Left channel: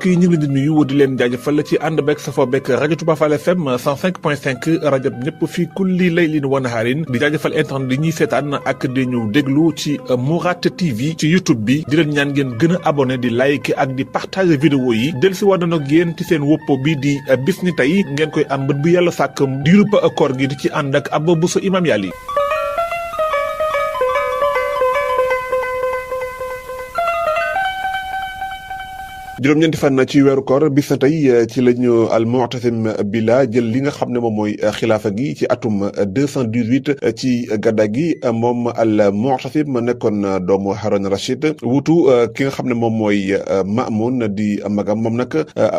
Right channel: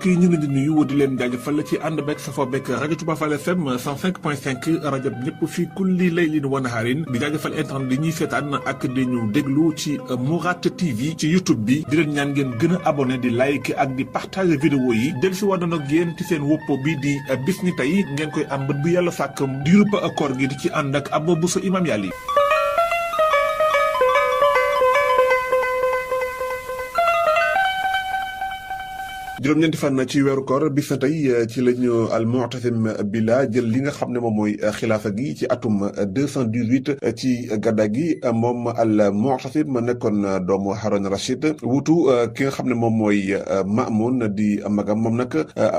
mbokk yi ñu ngi di nuyu di leen jaajëfal ci ànd beeg safoo beeg rajo Touba Fall FM 105.5 rajo ñëpp fii kulli laylin wa naharin di jaajëfal internet di ñuy seetaan ak di ñu déglu ci Mourad TV ci YouTube bi di leen ñaan ngeen gën a abonné di like ak di partager vidéo yi del si war nag yéen ci seen woppo bi di bis ni tey ngeen koy am bët bu yàlla sàkk diirub koor gi di ci ànd ak Abba Bousso Imam Yali. juróom-ñeenti fan ci weeru koor bis na tey ci lañu al mu'tasim billah jël li nga xam ne moom mooy xilaafa gi ci atum 218 ci gadda gi moom al mu'tasim nekkoon doomu Haroun Rachid wutu ki nga xam ne moom mooy Mamoun di magam moom nag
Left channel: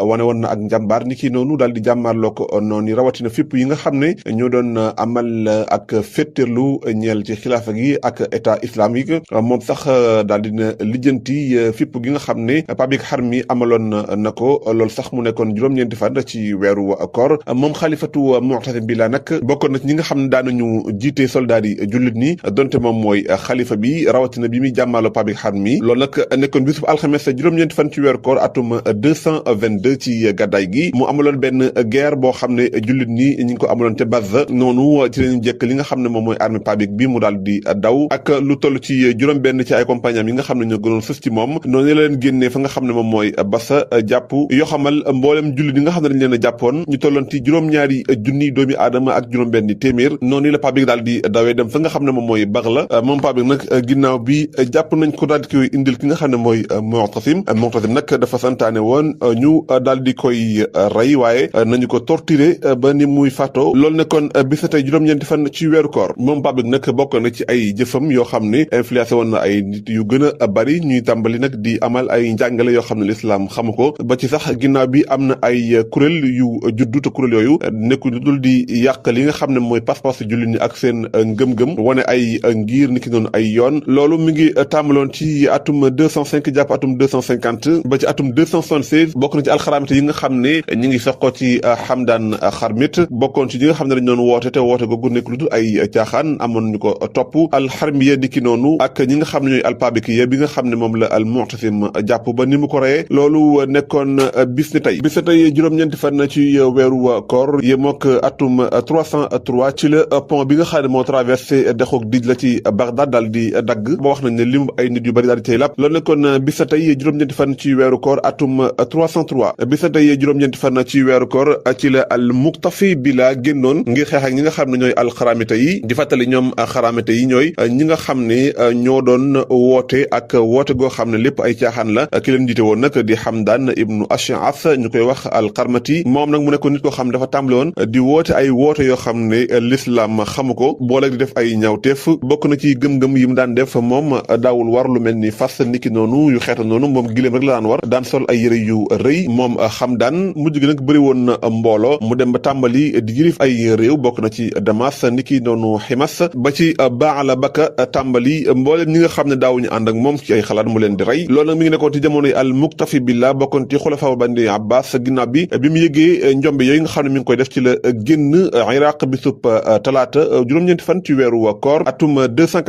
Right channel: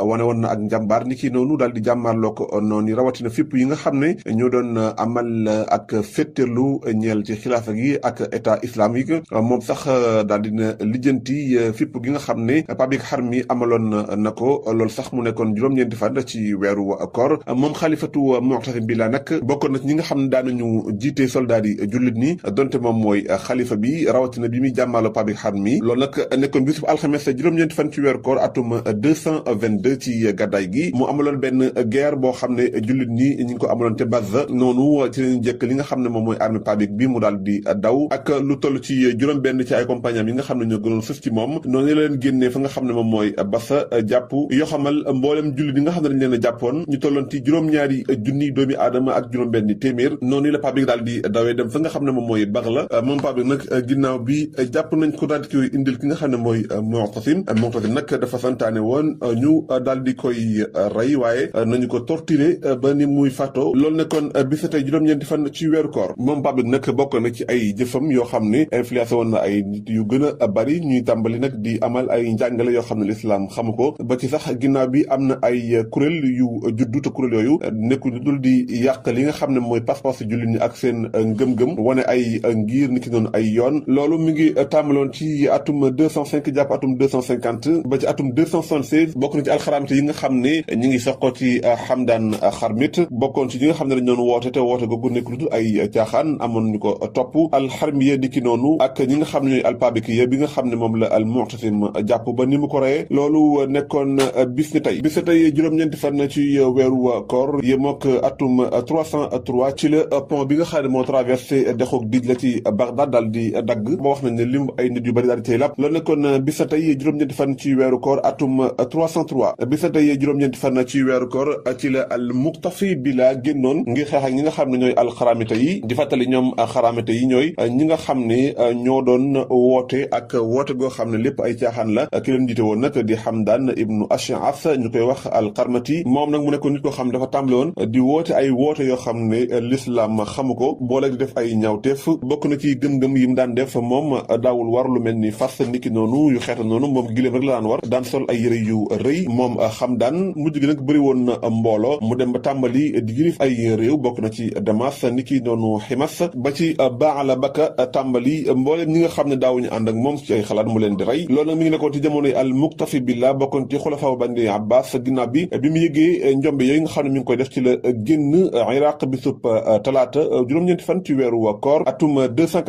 wane woon na ak njàmbaar ni ki noonu daal di jàmmaarloo ko noonu rawatina fipp yi nga xam ne ñoo doon amal ak fétterlu ñeel ci xilaafa gi ak état islamique moom sax daal dina lijjanti fipp gi nga xam ne Pabik Harmi amaloon na ko loolu sax mu nekkoon juróom-ñeenti fan ci weeru koor moom xalifatu mu'tasim billah nag bokkoon na ci ñi nga xam ne daanañu jiite soldat yi jullit ni donte moom mooy xalifa bi rawatina bi muy jàmmaalo Pabik Harmi loolu nag nekkoon bisub alxames juróom-ñeenti fan ci weeru koor atum 222 ci gàddaay gi mu amaloon benn guerre boo xam ne jullit ni ñi ngi ko amaloon te Bazza noonu ci lañu jëkk li nga xam ne moom mooy armée Pabik bi mu daal di daw ak lu toll ci juróom-benn ci ay compagnie yi nga xam ne ñoo gënoon sës ci moom noonu la leen génnee fa nga xam ne moom mooy basa jàpp yoo xamal mboolem jullit yi nga xam ne dañ leen a jàppoon ñu tolloon ci juróom-ñaari junni doomi aadama ak juróom-benni téeméer noonu la Pabik daal di dawee dem fa nga xam ne moom mooy Baghla moom Pabik nag ginnaaw bi jàpp nañ ko daal di koy indil ki nga xam ne mooy Mu'tasim nag dafa santaane woon ñu daal di koy rey waaye nañu ko torturer ba ni muy faatoo loolu nekkoon bis tey juróom-ñeenti fan ci weeru koor moom Pabik nag bokk na ci ay jëfam yoo xam ne influencé woon na ay nit yu gën a bari ñuy tàmbali nag di amal ay njàngale yoo xam ne l'islam xamu ko ba ci sax ginnaaw bi am na ay kuréel yu juddu te kuréel yooyu nekku dul di yàq li nga xam ne mooy pas-pas jullit ñi ak seen ngëm-ngëm wane ay ngir niki noonu ay yoon loolu mi ngi tàmbaloon ci atum 205 jàpp atum 250 ba ci atum 276 bokk na ci alxaramite yi nga xam ne ñi ngi soqoo ci Hamdan Xarmit bokkoon ci ñi nga xam ne dañ doon woote te woote googu nekk lu dul ay caaxaan amoon ñu ko topp alxarmiya niki noonu ak ñi nga xam ne ñooy alpabikiya bi nga xam ne moom la al mu'tasim jàpp ba ni mu ko reyee loolu nekkoon bis ni tey juróom-ñeenti fan ci weeru koor yemook atum 303 ci la pont bi nga xam ne moo traversé dexoog Dijla ci Bagdad daal di dagg ba wax nañ ne lim ay nit yu bari daal di cay làpp loolu nekkoon bis na tey juróom-ñeenti fan ci weeru koor atum 303 bis na tey juróom-ñeenti fan ci weeru koor ci la al Muqtafi billah génnoon ngir xeex ak ñi nga xam ne ñooy alxaramite yi di fàttali ñoom xaramite yi ñooy ñi nga xam ne ñoo doon woote ak woote goo xam ne lépp ay caaxaan la ki leen jiite woon nag di Hamdan ibnu Ash'ath ñu koy wax al-Qarmati moom nag mu nekkoon nit koo xam ne dafa tàmbale woon di woote ay woote yoo xam ne l'islam xamu ko boole di def ay ñaawteef bokk na ci gëm-gëm yi mu daan def moom daawul war lu mel ni fas niki noonu yu xeeta noonu moom giléem rek la daan war daan sol ay yëre yu rëy moom Hamdan mujj gi nag bëri woon na mbooloo mu dem ba tàmbali di jilif ay réew bokk na ci Damas niki noonu Himas ba ci Ba'labaka tàmbali mbooleem ñi nga xam ne daawuñu ànd ak moom ci ay xalaat mu leen di rey loolu nag mi ngi nekkoon ci jamonoy al Muqtafi billah bokkoon ci xulafaa bani Abbas ginnaaw bi mu yëgee njombe yooyu nga xam ne mi ngi koy def ci la génn Iraq bisub talaata juróom-ñeenti fan ci weeru koor atum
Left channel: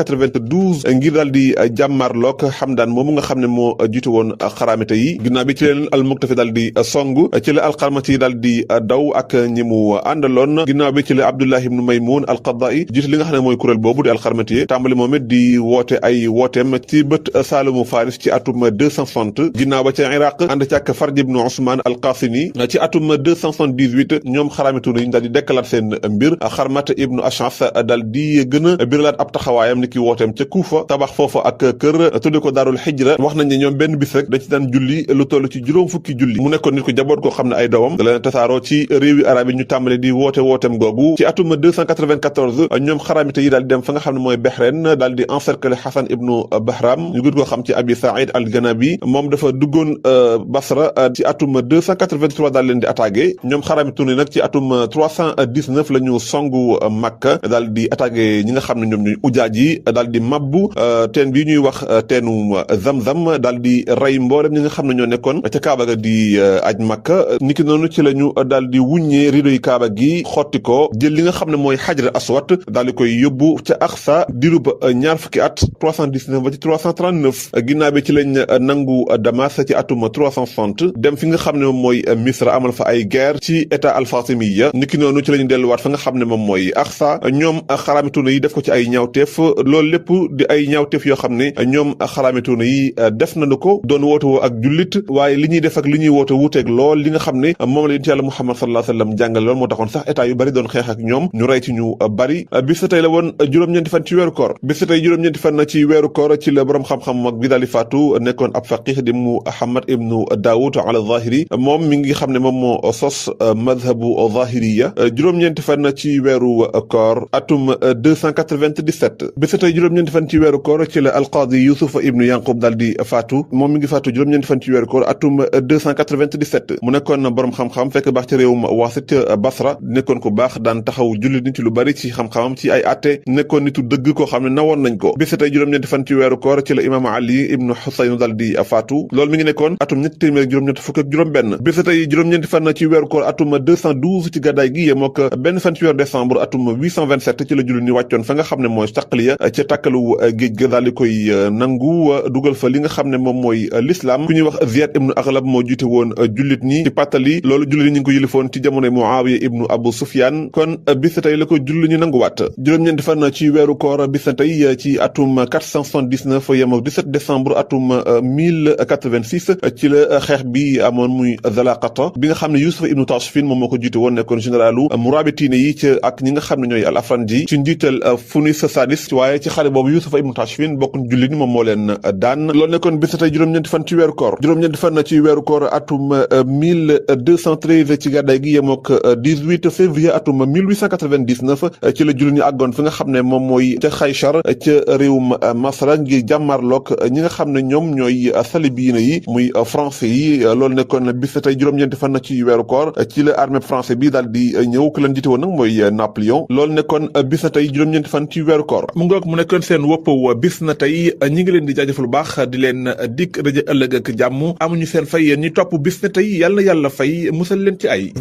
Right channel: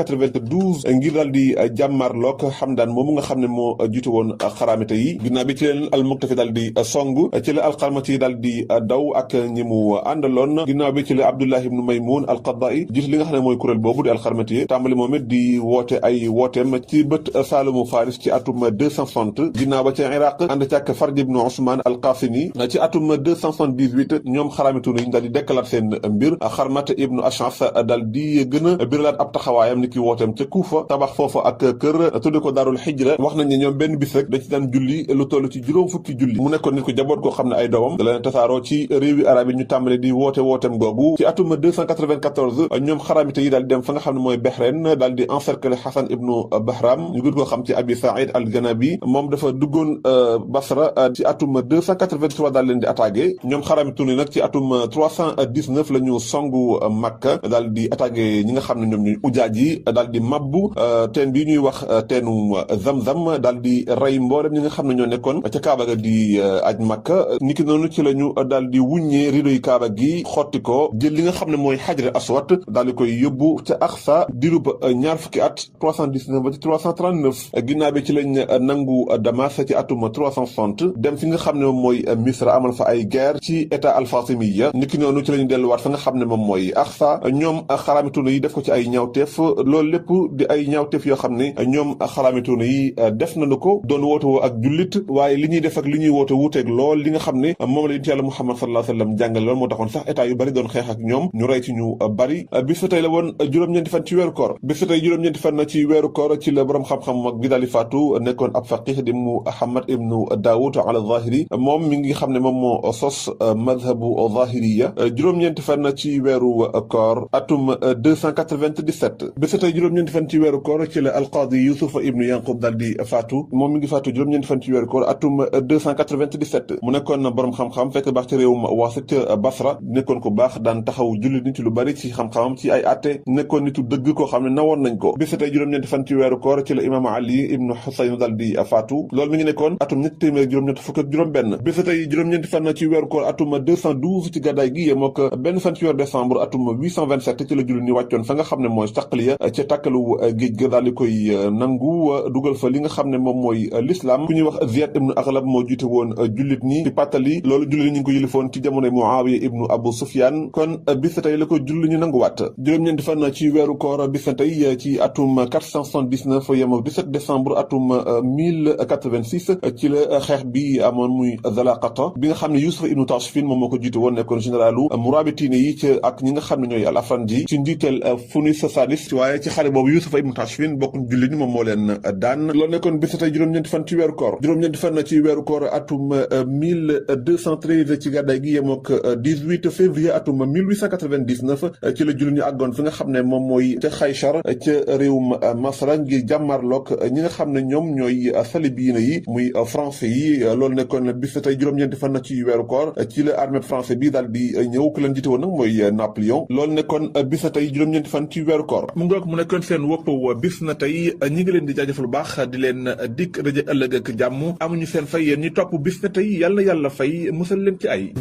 292 ngir daal di jàmmarloog Hamdan moomu nga xam ne moo jiitu woon xaramite yi ginnaaw bi ci leen al Muqtafi daal di song ci la alxarmati yi daal di daw ak ñi mu àndaloon ginnaaw bi ci la Abdullah ibnu Maymun al-Qadda'i jiite li nga xam ne mooy kuréel boobu di alxarmati yi tàmbali moom it di woote ay wooteem ci bët Saalumu Faris ci atum 260 ginnaaw ba ca Iraq ànd ci ak Farj ibnu Usman al-Qasimi ci atum 278 ñoom xaraamitu nañu daal di dekkalaat seen mbir Xarmat ibnu Ash'ath daal di gën a biralaat ab taxawaayam ni ki wooteem ca Kuufa tabax foofu ak kër tudde ko Daarul Hijra wax nañ ne ñoom benn bis rek dañ ci daan julli lu toll ci juróom fukki julli mu nekkoon nit ko jaboot koo xam ne ay doomam da leen tasaaroo ci réewi arab yi ñu tàmbale di wooteem googu ci atum 294 ñoom xaraamite yi daal di dem fa nga xam ne mooy Bahreïn daal di encercler Hasan ibnu Bahram ñu gën koo xam ci Abi Saïd al-Ganabi moom dafa duggoon Basra ci atum 283 daal leen di attaqué ñoom xaraamite nag ci atum 319 la ñu songu Makka daal di attaqué ñi nga xam ne ñoom ñuy ujaaj yi daal di mabbu teen bi ñuy wax teenu Zamzam daal di rey mboolem ñi nga xam ne ñoo nekkoon ca Kaaba ga di aj Makka niki noonu ci la ñu daal di wuññee rido yi Kaaba gi xotti ko jël li nga xam ne mooy Hajar Aswad daal di koy yóbbu ca Aqsa dirub ñaar fukki at 319 ba ci 339 ginnaaw bi ci lañ nangu Damas ci atum atum 360 dem fi nga xam ne moom mooy Misra amal fa ay guerre ci état al-Fatimiyya niki noonu ci la ñu delluwaat fa nga xam ne moom mooy Aqsa ñoom xaraamituuna yi def ko ci ay ñaawteef loolu lépp di ay ñaawteef yoo xam ne ñoom xaraamituuna yi def nañu ko doon woote woo ak jullit waaye li ñuy def ak li ñuy woote wuuteeg lool li nga xam ne moom la yonent Yàlla Muhammad sallallahu alayhi wa sallam jàngale lool moo taxoon sax état yu bari doon xeex ak ñoom ñu rey ci ñu bari bis tey la woon juróom-ñeenti fan ci weeru koor bis tey juróom-ñeenti fan ci weeru koor ci la borom xam-xam mag bi daal di faatu nekkoon ab faqih di Muhammad ibnu Daawud al-Zahiri moom mi ngi xam ne moom moo sos madhabu zahiriya juróom-ñeenti fan ci weeru koor atum 297 bis tey juróom-ñeenti fan ci weeru koor ci la alqaadi Yusuf ibnu Yanqub daal di faatu moom mi ngi faatu juróom-ñeenti fan ci weeru koor atum 297 mu nekkoon borom xam-xam fekk baax ci réewum Waasit Basra nekkoon ko baax daan taxaw jullit nit ci lu bari ci xam-xamam ci ay atte nekkoon nitu dëgg koo xam ne nawoon nañ ko bis tey juróom-ñeenti fan ci weeru koor ci la imaam Ali ibnu Xusayn daal di faatu loolu mi ngi nekkoon atum ñetti téeméer juróom-ñett fukk ak juróom-benn bis tey juróom-ñeenti fan ci weeru koor atum 212 ci gàddaay gi yemoo ko benn fan ci weeru décembre atum 827 ci la jullit ni wàccoon fa nga xam ne mooy Taqliya ca tàkkalu géej ga daal di koy nangu dugal fa li nga xam ne moom mooy l'islam ku ñuy wax Ziyad ibnu Aghlab moo jiite woon jullit ñi ci pàttali loolu jullit ñi ngi ko yilifoon ci jamonoy Muawiya ibnu Abu Sufyan kon bis tey la ko jullit ñi nanguwaat juróom-ñeenti fan ci weeru koor bis tey ci atum 479 yemoo 17 décembre atum 1086 ci la xeex bi amoon muy Zalaqata bi nga xam ne Yusuf ibnu Tashfin moom moo ko jiite woon nekkoon généralu murabitine yi ci ak ñi nga xam ne ñooy al afranji ci njiital Funis Sadis waaye ci xare boobu Yusuf ibnu Tashfin bokk jullit ñi moom moo leen daan loolu nekkoon bis tey juróom-ñeenti fan ci weeru koor juróom-ñeenti fan ci weeru koor atum 1213 ci gàddaay gi yemook 18 février atum 1899 ci la jullit ñi àggoon fi nga xam ne moom mooy ca Xaychar ca réewum Masra ngir jàmmarloog ñi nga xam ne ñoom ñooy salibiina yi muy français yi loolu nekkoon bis tey juróom-ñeenti fan ci weeru koor ci la armée français bi daal di ñëw ku leen jiite woon nag mooy Napoléon loolu nekkoon bis na tey juróom-ñeenti fan ci weeru koor mu ngoog mu nekkoon seen wopp bis na tey ñi ngi leen di jaajëfal lu baax di leen dikk rajo ëllëg ak jàmm amuñu seen fay yéen ñi topp bis na tey yàlla na yàlla fay musal leen ci ay